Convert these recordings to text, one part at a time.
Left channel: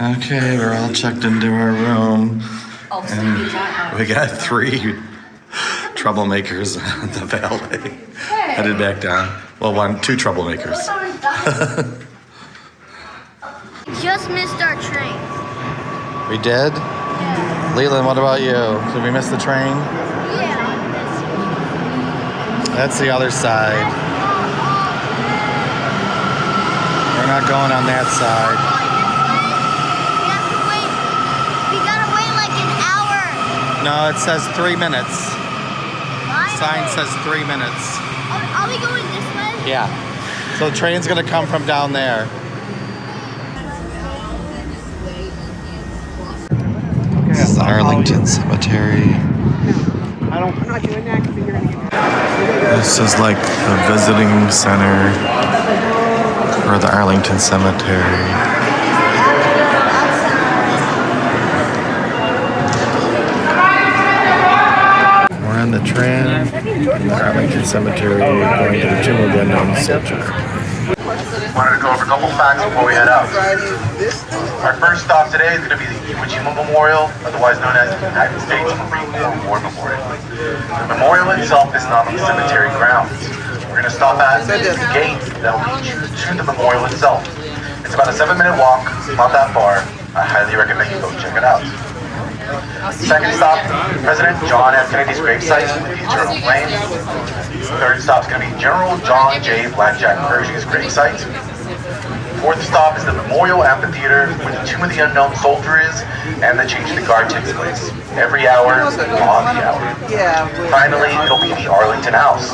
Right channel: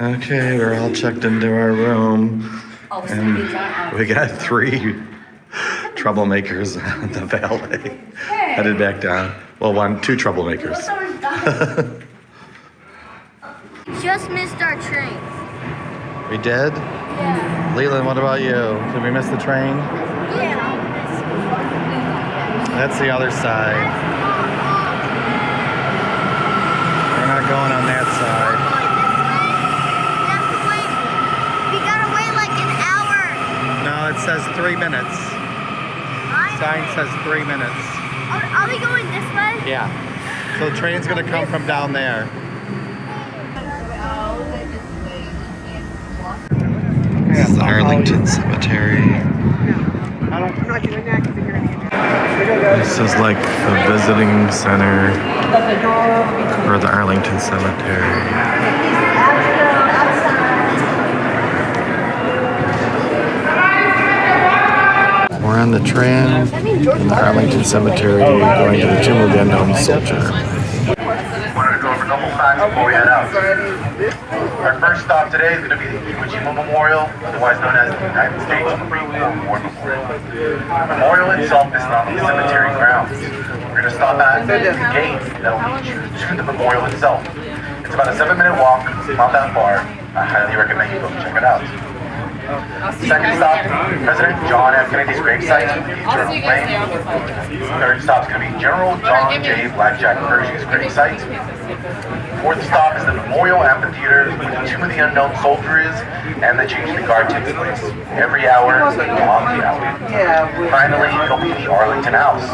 Okay, we're all checked into our room. And we got 3 troublemakers on the valet. Headed back down. Well, 2 troublemakers. Just missed our train. We did? Yeah. Leland, what about you? Did we miss the train? Yeah. That's the other side. We're not going on that side. We gotta wait like an hour. No, it says 3 minutes. Sign says 3 minutes. Are we going this way? Yeah. So the train's gonna come from down there. This is the Arlington Cemetery. This is like the visiting center for the Arlington Cemetery. We're on the tram in the Arlington Cemetery going to the Tomb of the Unknown Soldier. Wanted to go over a couple facts before we head out. Our first stop today is going to be the Iwo Jima Memorial, otherwise known as the United States Marine Corps War Memorial. The memorial itself is not on the cemetery grounds. We're going to stop at the gate that will lead you to the memorial itself. It's about a 7-minute walk, not that far. I highly recommend you go check it out. Second stop, President John F. Kennedy's gravesite with the eternal flame. Third stop is going to be General John J. Blackjack Pershing's gravesite. Fourth stop is the Memorial Amphitheater where the Tomb of the Unknown Soldier is and the Change the Guard takes place. Every hour, on the hour. Finally, it'll be the Arlington House.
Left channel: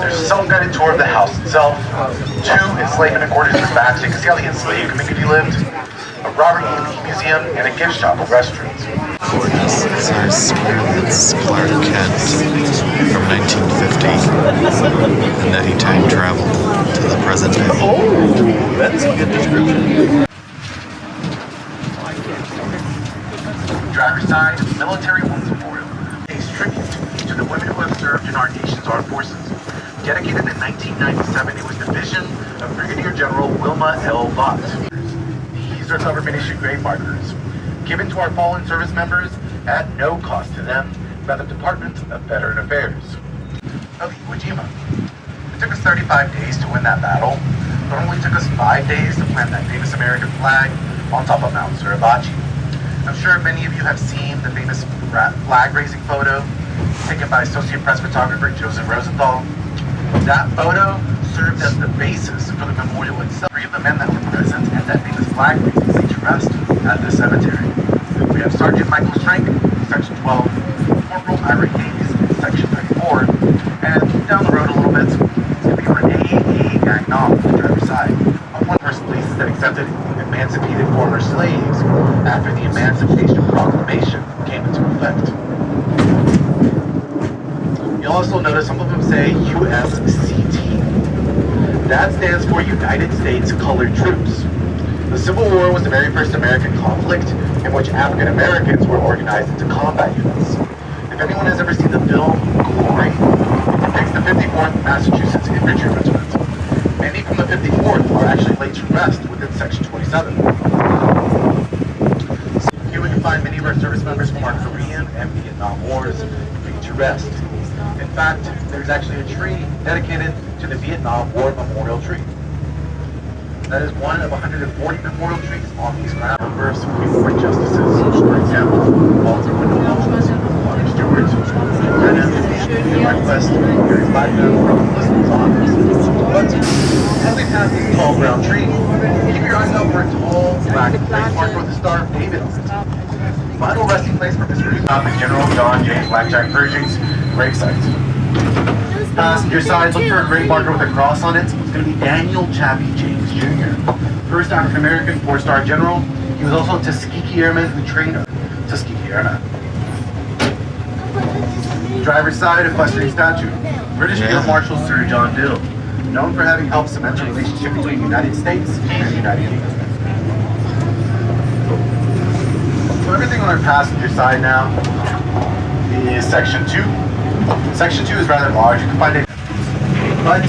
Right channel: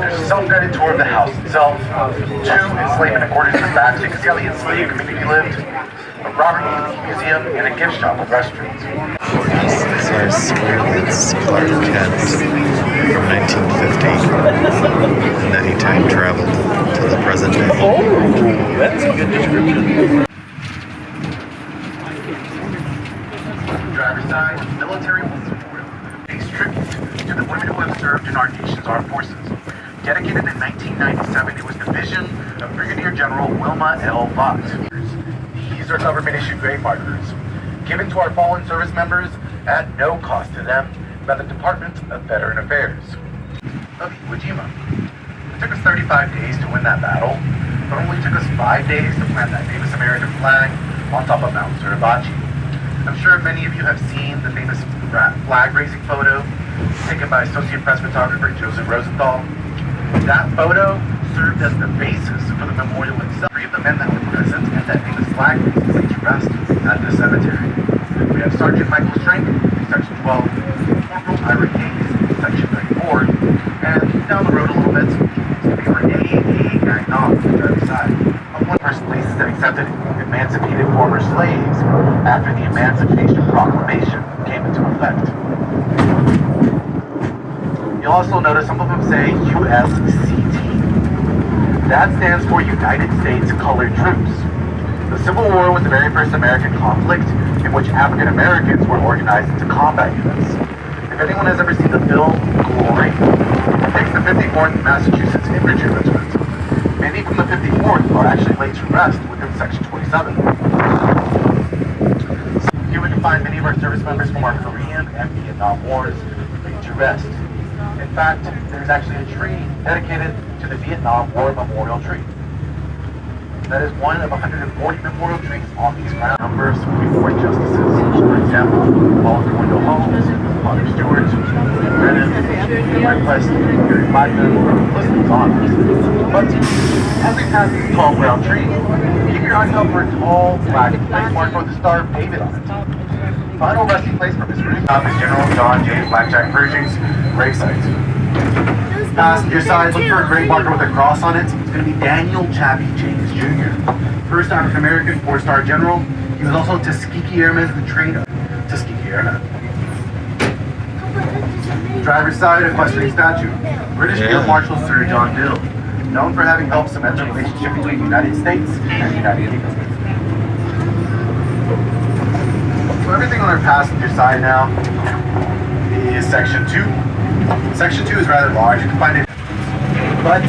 There's a self-guided tour of the house itself, 2 enslavement quarters in the back so you can see how the enslaved community lived, a Robert E. Lee Museum, and a gift shop with restrooms. So I swear that's Clark Kent from 1950 and that he time traveled to the present day. That's a good description. Driver's side, Military Women's Memorial. A tribute to the women who have served in our nation's armed forces. Dedicated in 1997, it was the vision of Brigadier General Wilma L. Vaught. These are government-issued grave markers, given to our fallen service members at no cost to them by the Department of Veteran Affairs. Of Iwo Jima. It took us 35 days to win that battle. It only took us 5 days to plant that famous American flag on top of Mount Suribachi. I'm sure many of you have seen the famous flag raising photo taken by Associate Press photographer Joseph Rosenthal. That photo served as the basis for the memorial itself. 3 of the men that were present at that famous flag raising to rest at the cemetery. We have Sergeant Michael Strank, Section 12, Corporal Ira Gates, Section 34, and down the road a little bit, we were AA Gang Nom on the other side. One of the first places that accepted emancipated former slaves after the Emancipation Proclamation came into effect. You'll also notice some of them say USCT. That stands for United States Colored Troops. The Civil War was the very first American conflict in which African Americans were organized into combat units. If anyone has ever seen the film Glory, it takes the 54th Massachusetts Infantry Regiment. Many from the 54th are actually laid to rest within Section 27. Here we can find many of our service members from our Korean and Vietnam Wars laid to rest. In fact, there's actually a tree dedicated to the Vietnam War Memorial Tree. That is one of 140 memorial trees on these grounds. Number of Supreme Court justices, for example, Walter Wendell Holmes, Robert Stewart, Brennan, Mike West, Gary Blackburn, the list goes on. But as we pass these tall brown trees, keep your eyes up for a tall black place marked with the Star of David. Final resting place for this group is General John J. Blackjack Pershing's gravesite. Passenger side, look for a grave marker with a cross on it. It's going to be Daniel Chappie James Jr. First African American 4-star general. He was also a Tuskegee Airman who trained Tuskegee Airman. Driver's side, equestrian statue. British Field Marshal Sir John Dill, known for having helped cement the relationship between the United States and the United Kingdom. So everything on our passenger side now is Section 2. Section 2 is rather large, you can find it, but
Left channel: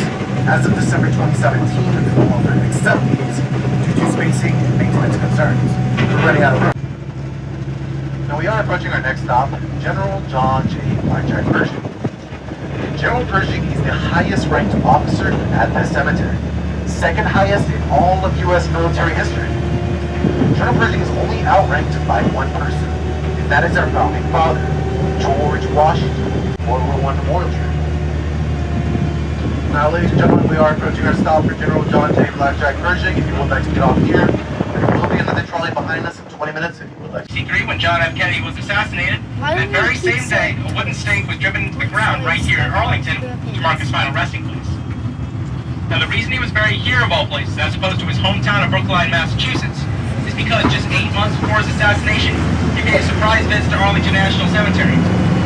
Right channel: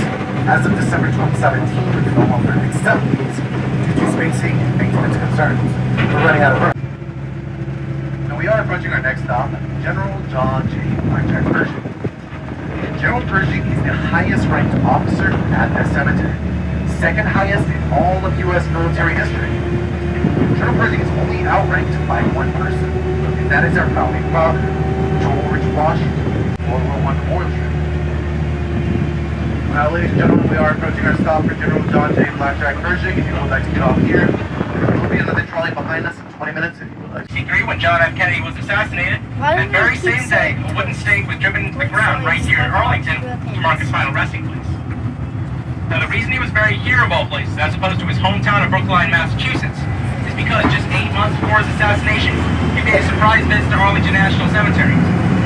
as of December 2017, it no longer accepts due to spacing and concerns. We're running out of room. Now we are approaching our next stop, General John J. Blackjack Pershing. General Pershing is the highest ranked officer at this cemetery, second highest in all of U.S. military history. General Pershing is only outranked by one person, and that is our founding father, George Washington, World War I Memorial Tree. Now, ladies and gentlemen, we are approaching our stop for General John J. Blackjack Pershing. If you would like to get off here, there will be another trolley behind us in 20 minutes if you would like. C3, when John F. Kennedy was assassinated, that very same day, a wooden stake was driven to the ground right here in Arlington to mark his final resting place. Now, the reason he was buried here of all places, as opposed to his hometown of Brookline, Massachusetts, is because just 8 months before his assassination, he made a surprise visit to Arlington National Cemetery.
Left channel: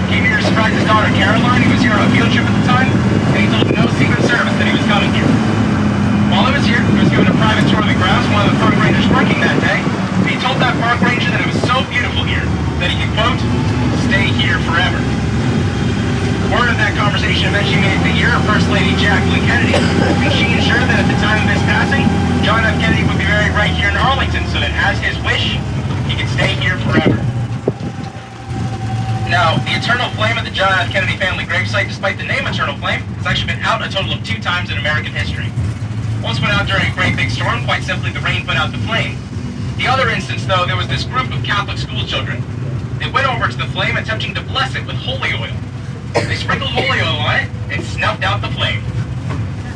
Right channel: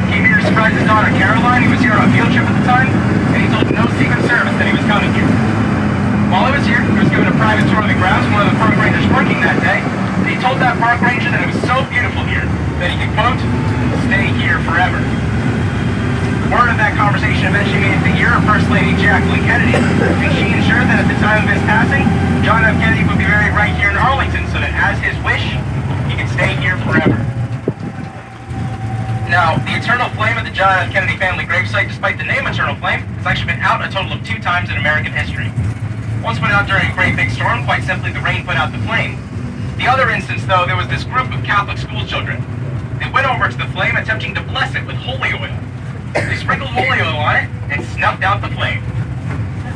He came here to surprise his daughter Caroline, who was here on a field trip at the time, and he told no Secret Service that he was coming here. While he was here, he was given a private tour of the grounds from one of the park rangers working that day, and he told that park ranger that it was so beautiful here that he could, quote, stay here forever. Word of that conversation eventually made it the ear of First Lady Jacqueline Kennedy, and she ensured that at the time of his passing, John F. Kennedy would be buried right here in Arlington, so that as his wish, he could stay here forever. Now, the Eternal Flame of the John F. Kennedy family gravesite, despite the name Eternal Flame, has actually been out a total of 2 times in American history. Once went out during a great big storm, quite simply the rain put out the flame. The other instance, though, there was this group of Catholic school children. They went over to the flame attempting to bless it with holy oil. They sprinkled holy oil on it and snuffed out the flame.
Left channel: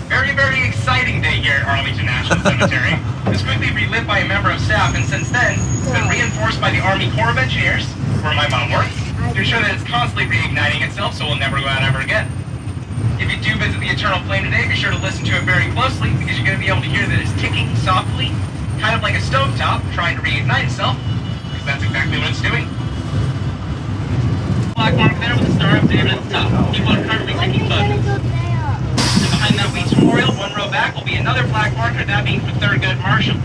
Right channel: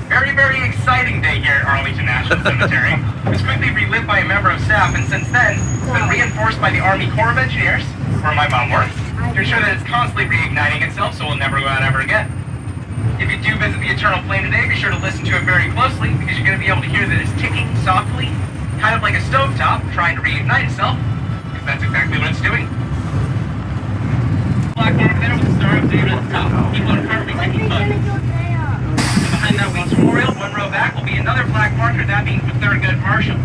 Very, very exciting day here at Arlington National Cemetery. It was quickly relit by a member of staff, and since then, it's been reinforced by the Army Corps of Engineers, where my mom works, to ensure that it's constantly reigniting itself so it will never go out ever again. If you do visit the Eternal Flame today, be sure to listen to it very closely, because you're going to be able to hear that it's ticking softly, kind of like a stovetop trying to reignite itself, because that's exactly what it's doing. Black mark there with the Star of David at the top. People are currently taking photos. And behind that Weeks Memorial, 1 row back, will be another flag marker, that being for Thurgood Marshall.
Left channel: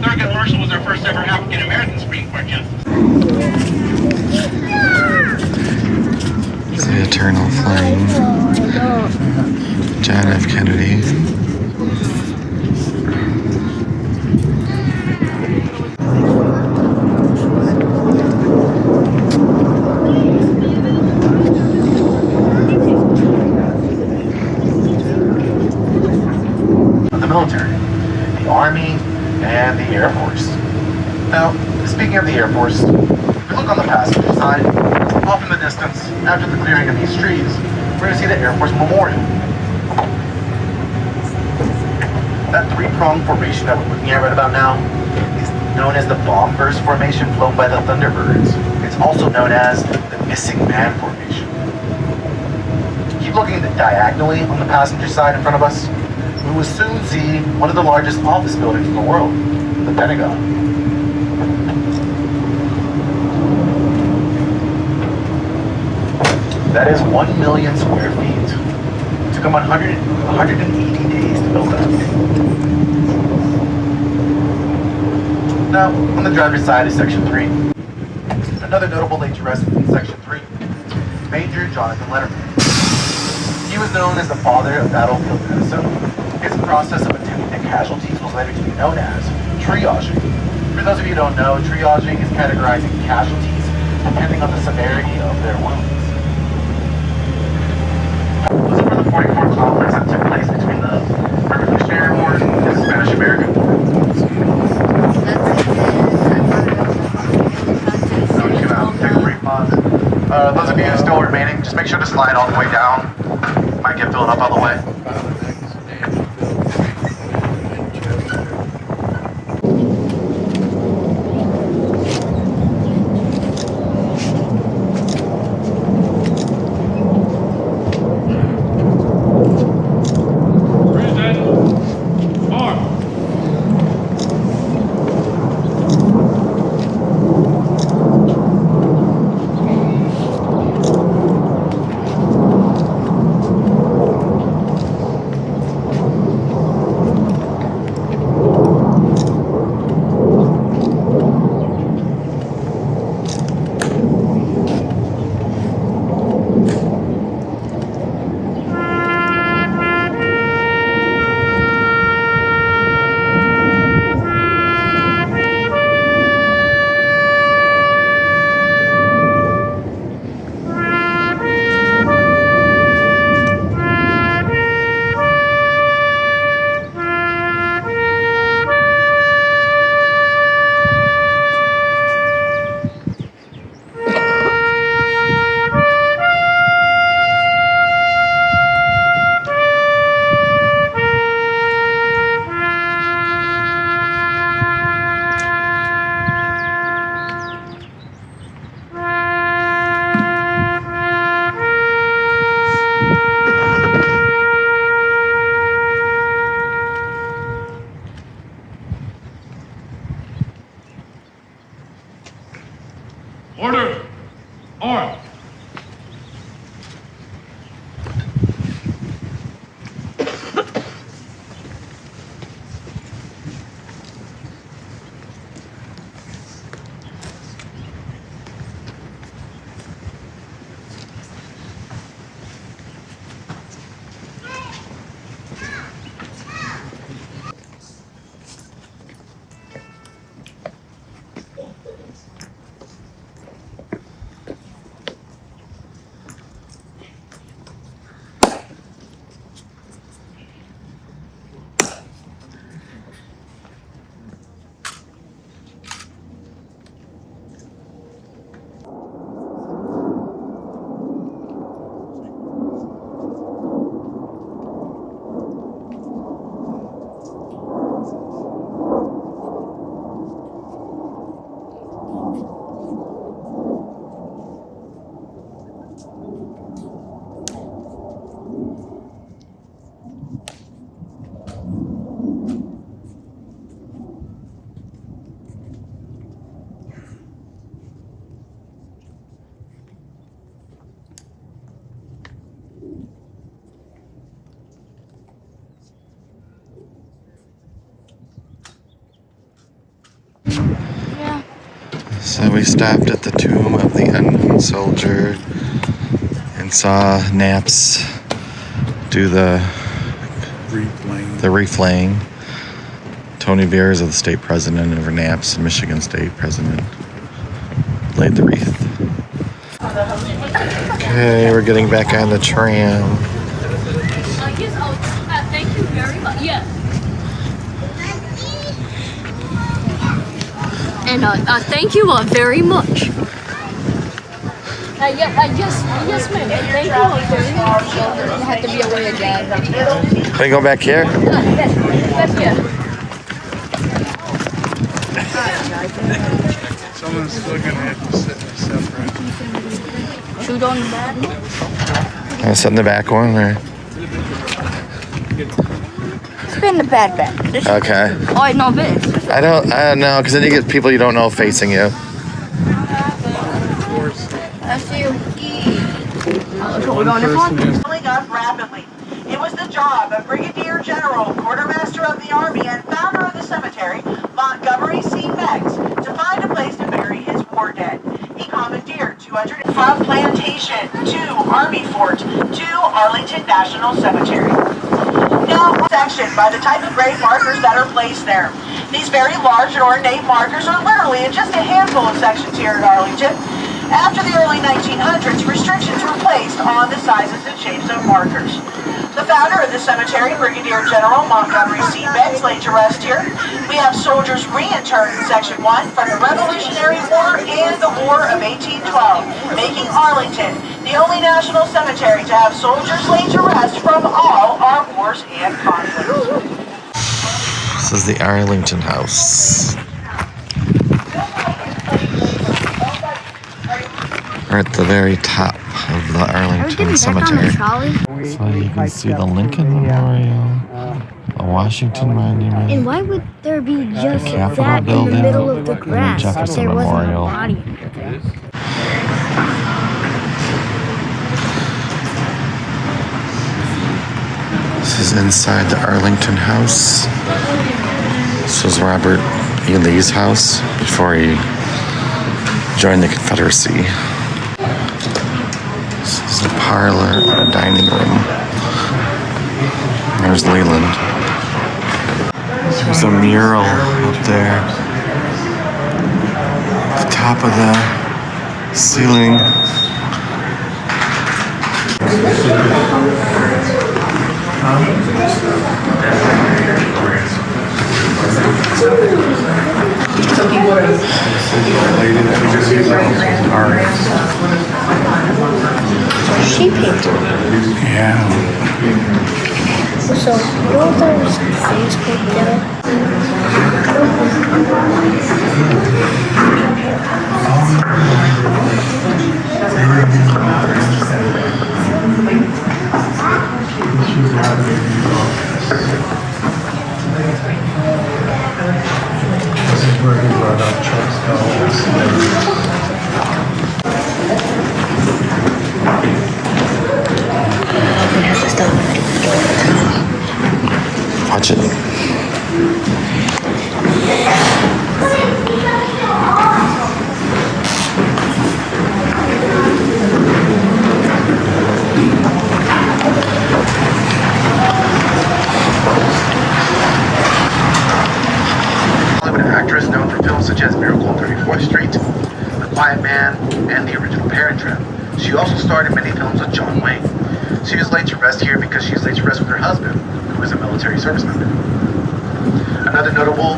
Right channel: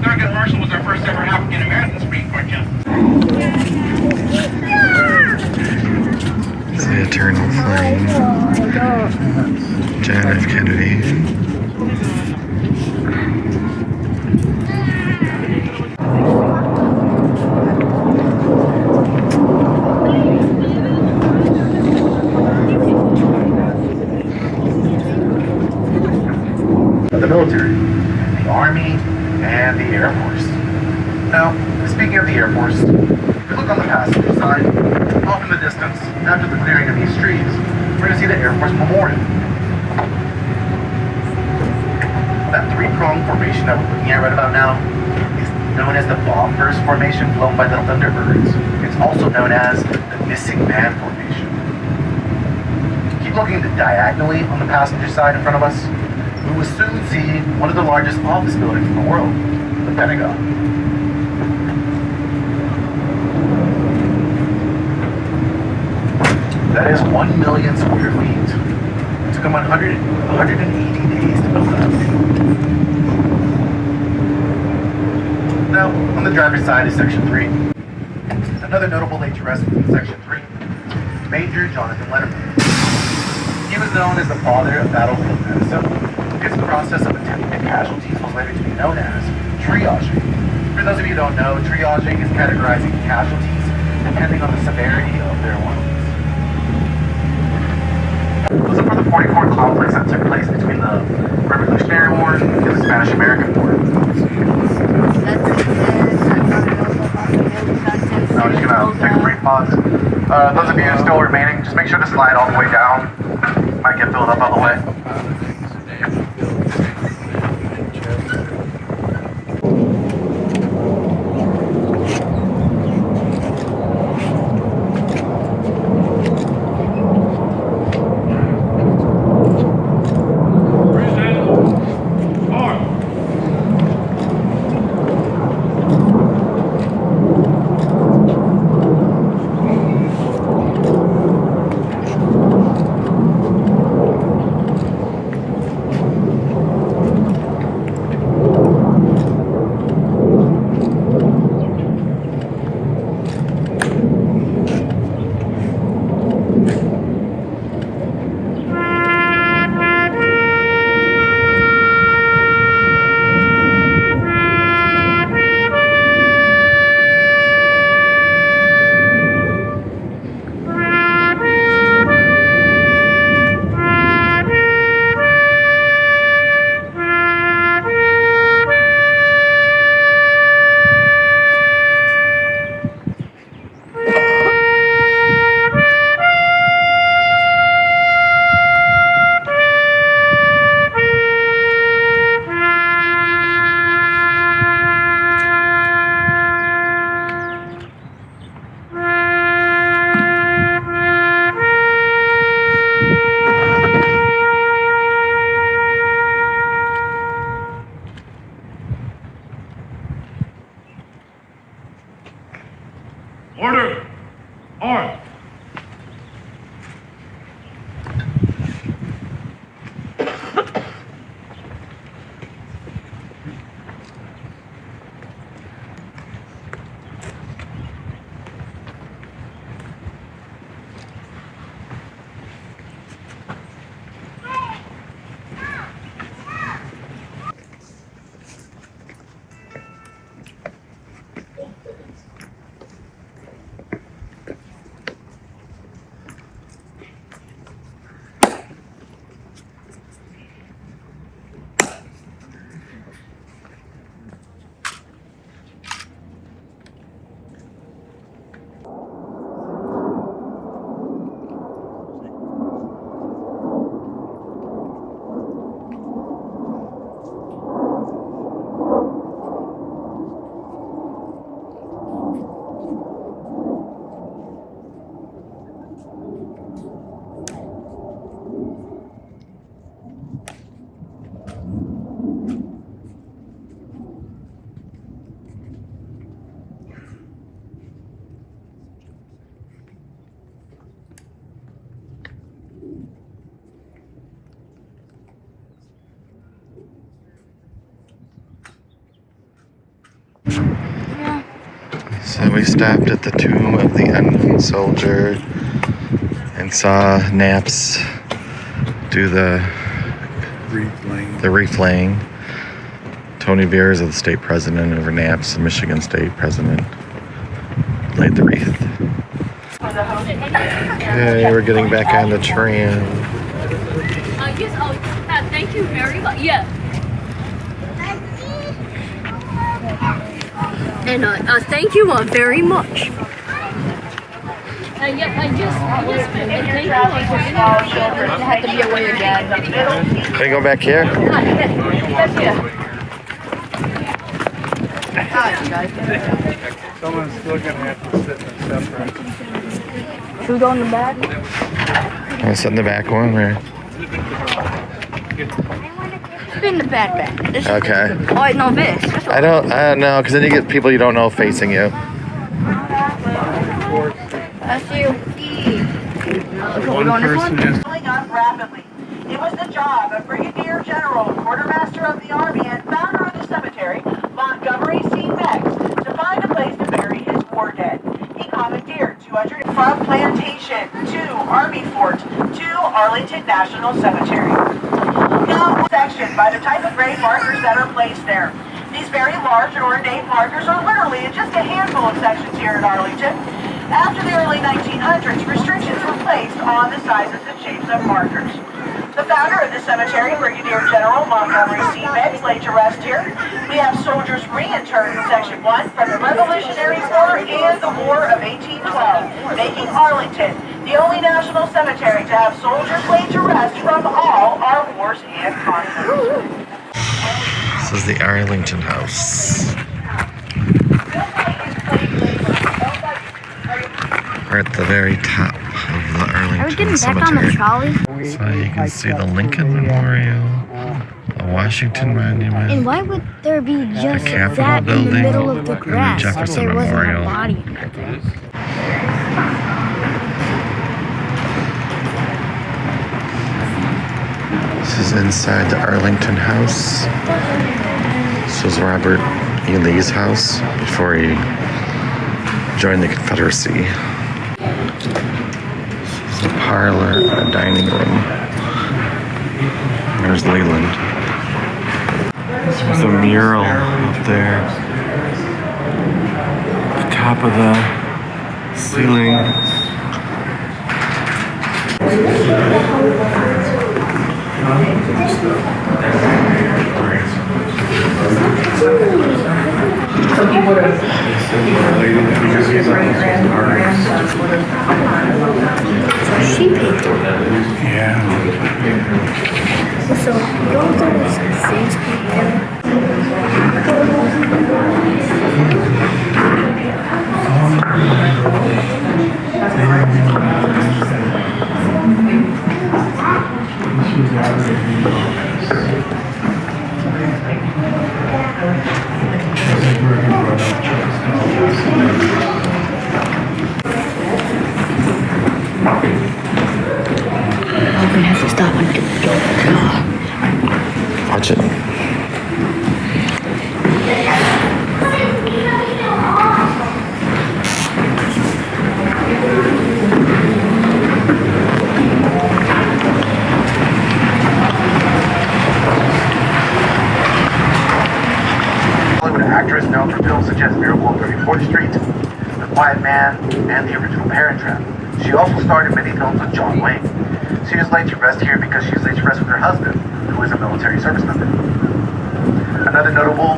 Thurgood Marshall was our first ever African-American Supreme Court justice. The Eternal Flame. John F. Kennedy. The military, the Army, and the Air Force. Now, speaking of the Air Force, if we look on the passenger side, off in the distance, after the clearing of these trees, we're going to see the Air Force Memorial. That 3-pronged formation that we're looking at right about now is known as the bomb burst formation flown by the Thunderbirds. It's also known as the Missing Man formation. Keep looking diagonally on the passenger side in front of us. We will soon see one of the largest office buildings in the world, the Pentagon. That is 1 million square feet. It took them 180 days to build that thing. Now, on the driver's side is Section 3. Another notable late to rest in Section 3, Major Jonathan Letterman. He was known as the father of battlefield medicine. His process of attending to casualties was later to be known as triaging. For those of you who don't know, triaging is categorizing casualties depending on the severity of their wounds. Those are the 44 conflicts that took place between the Revolutionary War and the Spanish-American War. Now I'm just gonna take a brief pause. Those of you who are still remaining, just make sure to slide all the way down. Might get filled up all the way. Order! Arm! So we stopped at the tomb of the unknown soldier and saw Naps do the reflaying. Tony Veers, of the state president, over Naps, Michigan state president, laid the wreath. Okay, we're getting back on the tram. Thank you very much. Yeah. And thank you very much. I guess thank you. I have to be away again. Can we go back here? Yes. Someone's still gonna have to sit in the separate. Shoot on the back. I'll sit in the back one, or? Spin the bad back. Okay. Oh, wait, no, this. I don't know, because then you get people you don't know facing you. That's you. One person is Filling up rapidly. It was the job of Brigadier General, Quartermaster of the Army, and founder of the cemetery, Montgomery C. Meggs, to find a place to bury his war dead. He commandeered 200 from Plantation to Army Fort to Arlington National Cemetery. Now, section by the type of grave markers that are placed there. These very large and ornate markers are literally in just a handful of sections here at Arlington. After the early 1900s, restrictions were placed on the sizes and shapes of markers. The founder of the cemetery, Brigadier General Montgomery C. Meggs, laid to rest here. We have soldiers reinterred in Section 1 from the Revolutionary War and the War of 1812, making Arlington the only national cemetery to have soldiers laid to rest from all our wars and conflicts. This is the Arlington House. We're at the very top of the Arlington Cemetery. So you can see the Lincoln Memorial, the Washington Monument, And why would there be just the Capitol that in the Building, middle of the and the grass? Jefferson There wasn't a Memorial. body under there. This is inside the Arlington House. This was Robert E. Lee's house before he joined the Confederacy. This is a parlor, a dining room. There's Leland. There's a mural up there at the top of the ceiling. She painted. Yeah. So, all those Facebook there. is known for films such as Miracle on 34th Street, The Quiet Man, and the original Parent Trap. She also starred in many films with John Wayne. She is laid to rest here because she is laid to rest with her husband, who is a military service member. Another notable,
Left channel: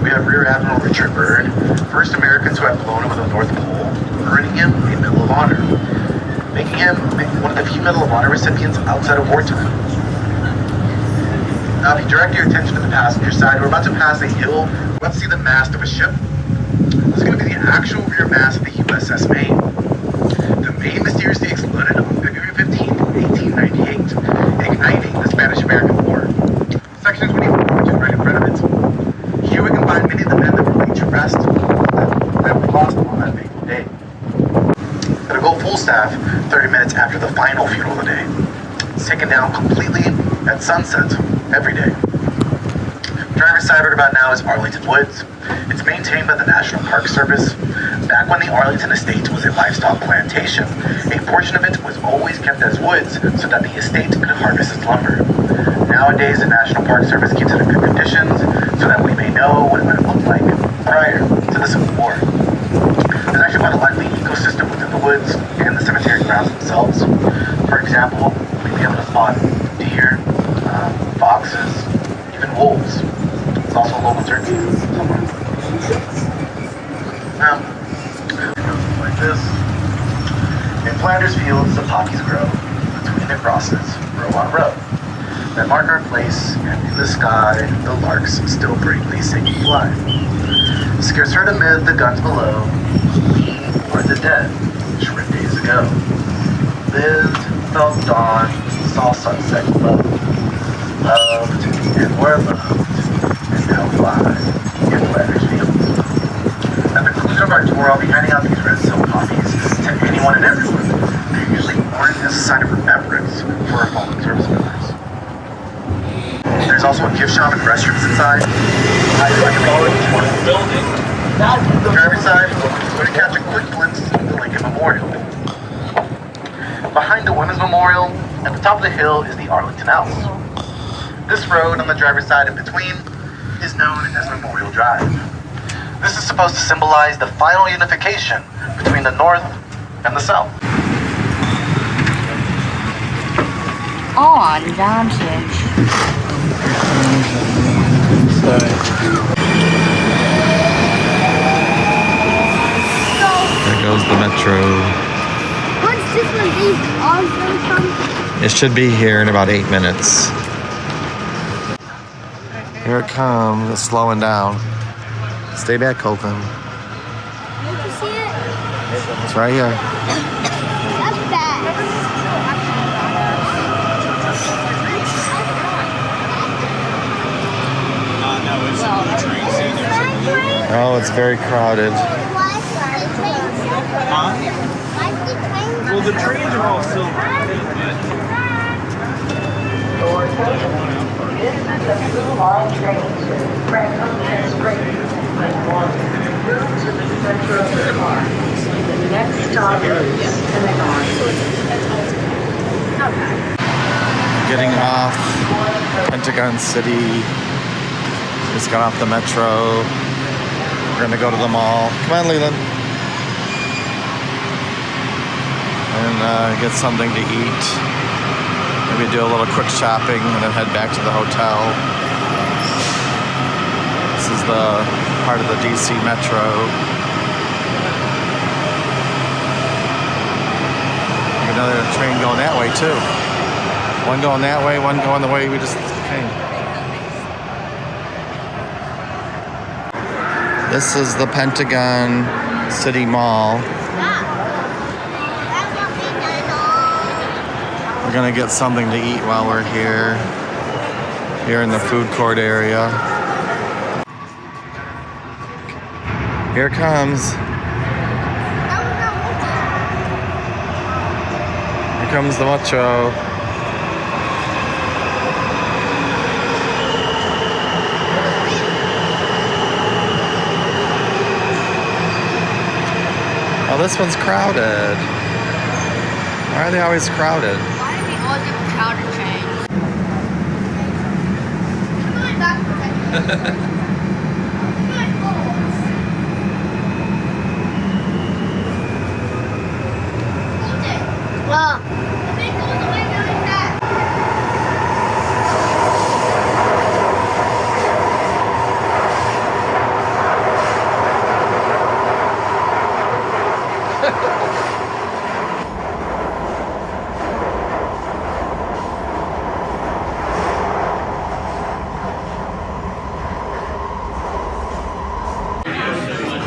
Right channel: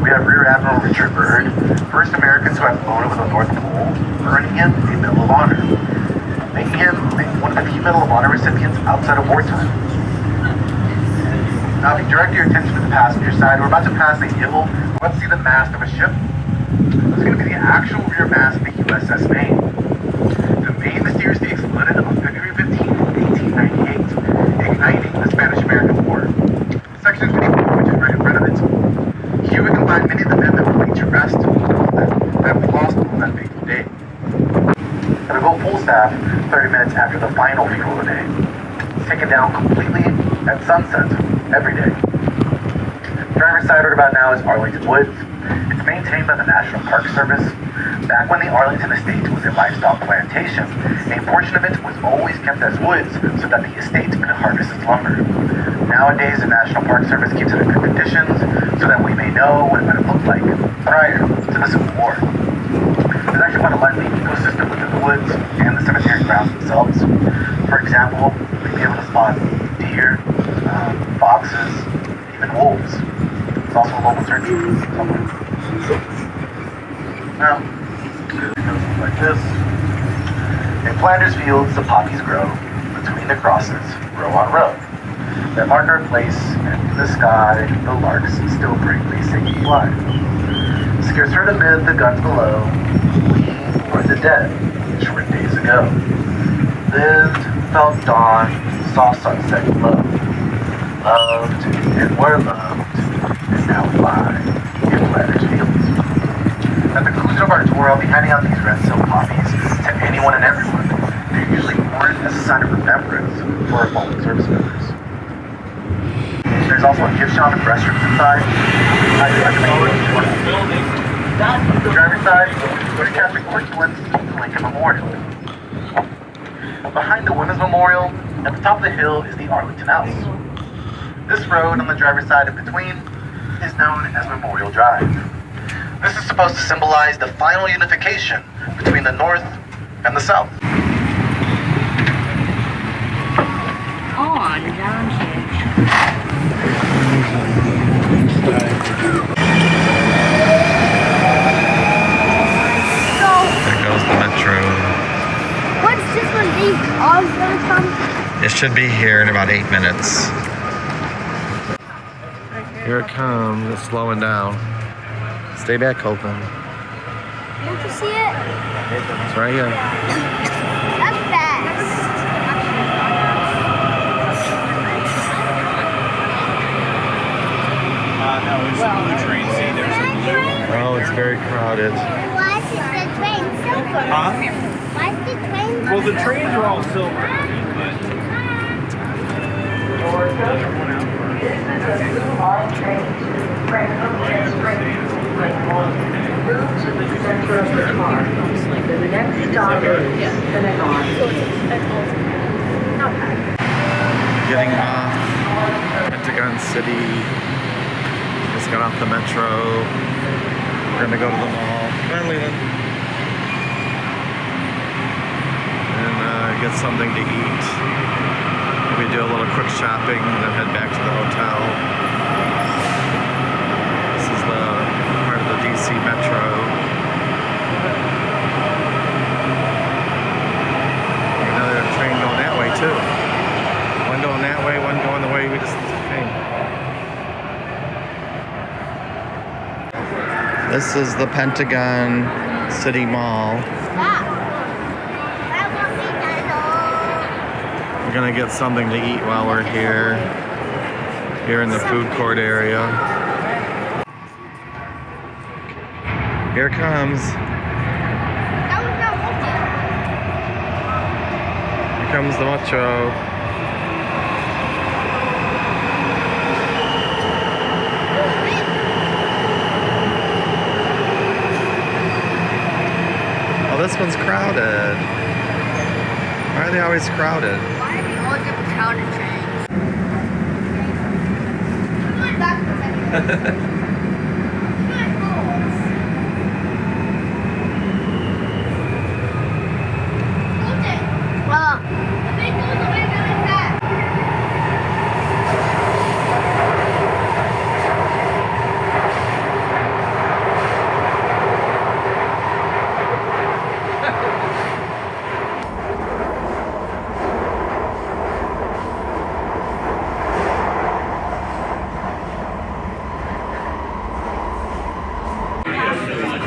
we have Rear Admiral Richard Byrd, first American to have flown over the North Pole, earning him a Medal of Honor, making him one of the few Medal of Honor recipients outside of wartime. Now, if you direct your attention to the passenger side, we're about to pass a hill. We're about to see the mast of a ship. This is going to be the actual rear mast of the USS Maine. The Maine mysteriously exploded on February 15, 1898, igniting the Spanish-American War. Section 24, which is right in front of it. Here we can find many of the men that were laid to rest that we lost on that fateful day. It'll go full staff 30 minutes after the final funeral of the day. It's taken down completely at sunset every day. Driver's side right about now is Arlington Woods. It's maintained by the National Park Service. Back when the Arlington estate was a livestock plantation, a portion of it was always kept as woods so that the estate could harvest its lumber. Nowadays, the National Park Service keeps it in good conditions so that we may know what it would have looked like prior to the Civil War. There's actually quite a lively ecosystem within the woods and the cemetery grounds themselves. For example, you'll be able to spot deer, foxes, even wolves. There's also a local church somewhere. Now, like this, in Flanders Fields, the poppies grow between the crosses, row on row. That mark our place, and in the sky, the larks still bravely sing and fly. Scarce heard amid the guns below, we were the dead, short days ago. Lived, felt dawn, saw sunset glow. Loved and were loved, and now fly in Flanders Fields. At the conclusion of our tour, I'll be handing out these red silk poppies to anyone and everyone. They're usually worn as a sign of remembrance for our fallen service members. There's also a gift shop and restrooms inside. Highly recommend each one. The driver's side, we're going to catch a quick glimpse of the Lincoln Memorial. Behind the Women's Memorial, at the top of the hill, is the Arlington House. This road on the driver's side in between is known as Memorial Drive. This is supposed to symbolize the final unification between the North and the South. On advantage. There goes the metro. What's this one? These all going from? It should be here in about 8 minutes. Here it comes. It's slowing down. Stay back, Colton. Did you see it? It's right here. That's fast. Oh, it's very crowded. Why is the train silver? Huh? Why is the train Well, the trains are all silver, I think, but... The next stop is Pentagon. Getting off Pentagon City. Just got off the metro. We're gonna go to the mall. Come on, Leland. And get something to eat. Maybe do a little quick shopping and then head back to the hotel. This is the part of the DC metro. Another train going that way too. One going that way, one going the way we just came. This is the Pentagon City Mall. We're gonna get something to eat while we're here in the food court area. Here it comes. Here comes the metro. Oh, this one's crowded. Why are they always crowded?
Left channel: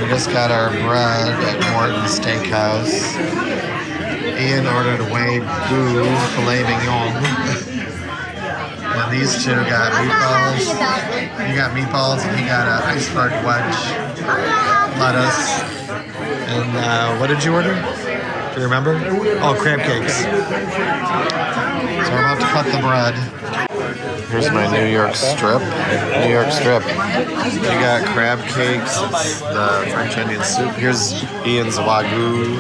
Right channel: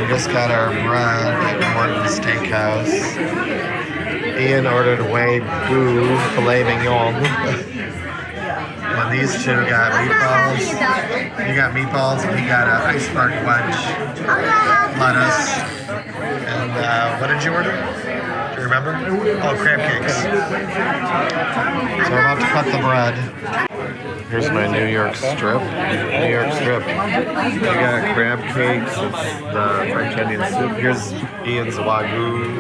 We just got our bread at Morton Steakhouse. Ian ordered a Wagyu filet mignon. And these two got I'm not happy meatballs. about it. You got meatballs and he got an iceberg wedge, lettuce. And what did you order? Do you remember? Oh, crab cakes. So I'm about to cut the bread. Here's my New York strip. New York strip. We got crab cakes. It's the French onion soup. Here's Ian's Wagyu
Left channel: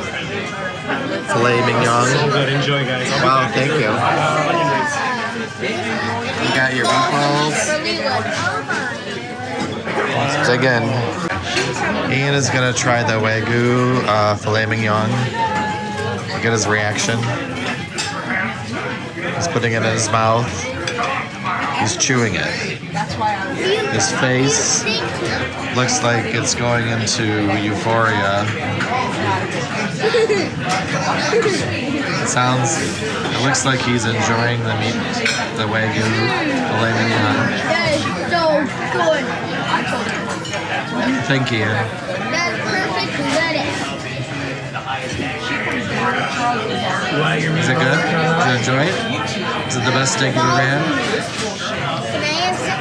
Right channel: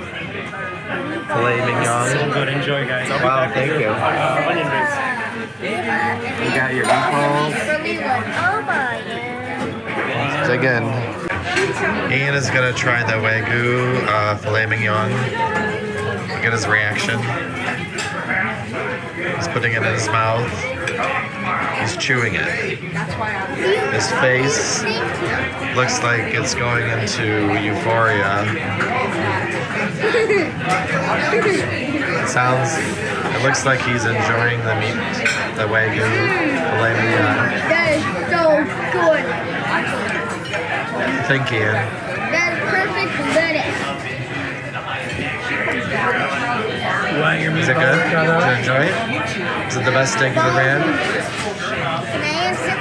filet mignon. So good. Enjoy, guys. Wow, thank you. Onion rings. You got your meatballs. Dig in. Ian is gonna try the Wagyu filet mignon. Get his reaction. He's putting it in his mouth. He's chewing it. His face looks like it's going into euphoria. It looks like he's enjoying the meat, the Wagyu filet mignon. That is so good. Thank you. That's perfect lettuce. Is it good? Did you enjoy it? Is it the best steak you've ever had? Can I answer?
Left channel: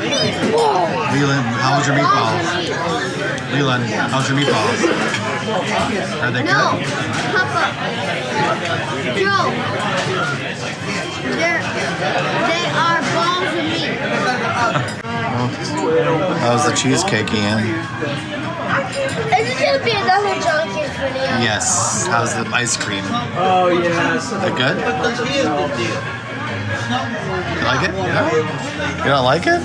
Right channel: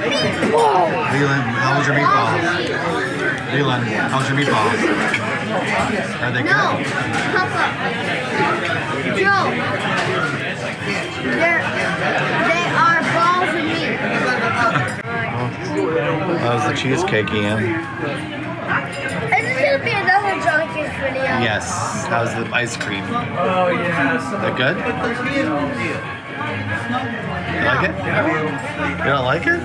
Meatballs. Leland, how was your meatballs? Leland, how's your meatballs? Are they No, good? Papa. Joe. They are balls of meat. How's the cheesecake, Ian? Is this going to be another Johnson's video? Yes. How's the ice cream? Oh, yes. Is it good? You like it? You don't like it?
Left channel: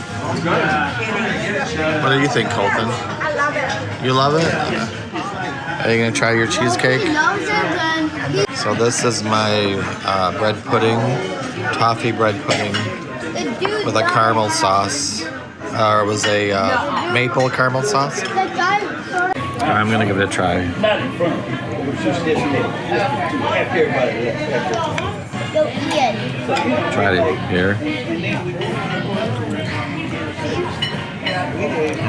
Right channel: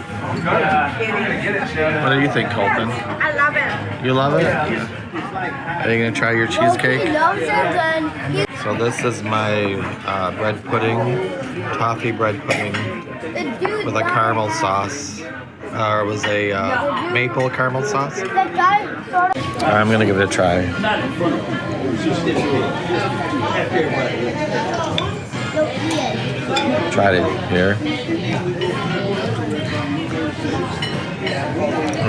What do you think, Colton? I love it. You love it? Are you gonna try your cheesecake? He loves it and So this is my bread pudding, toffee bread pudding with a caramel sauce. Or it was a maple caramel sauce. I'm gonna give it a try. Try it here.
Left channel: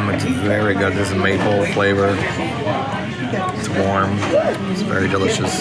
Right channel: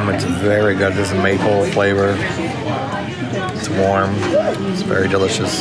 It's very good. There's a maple flavor. It's warm. It's very delicious.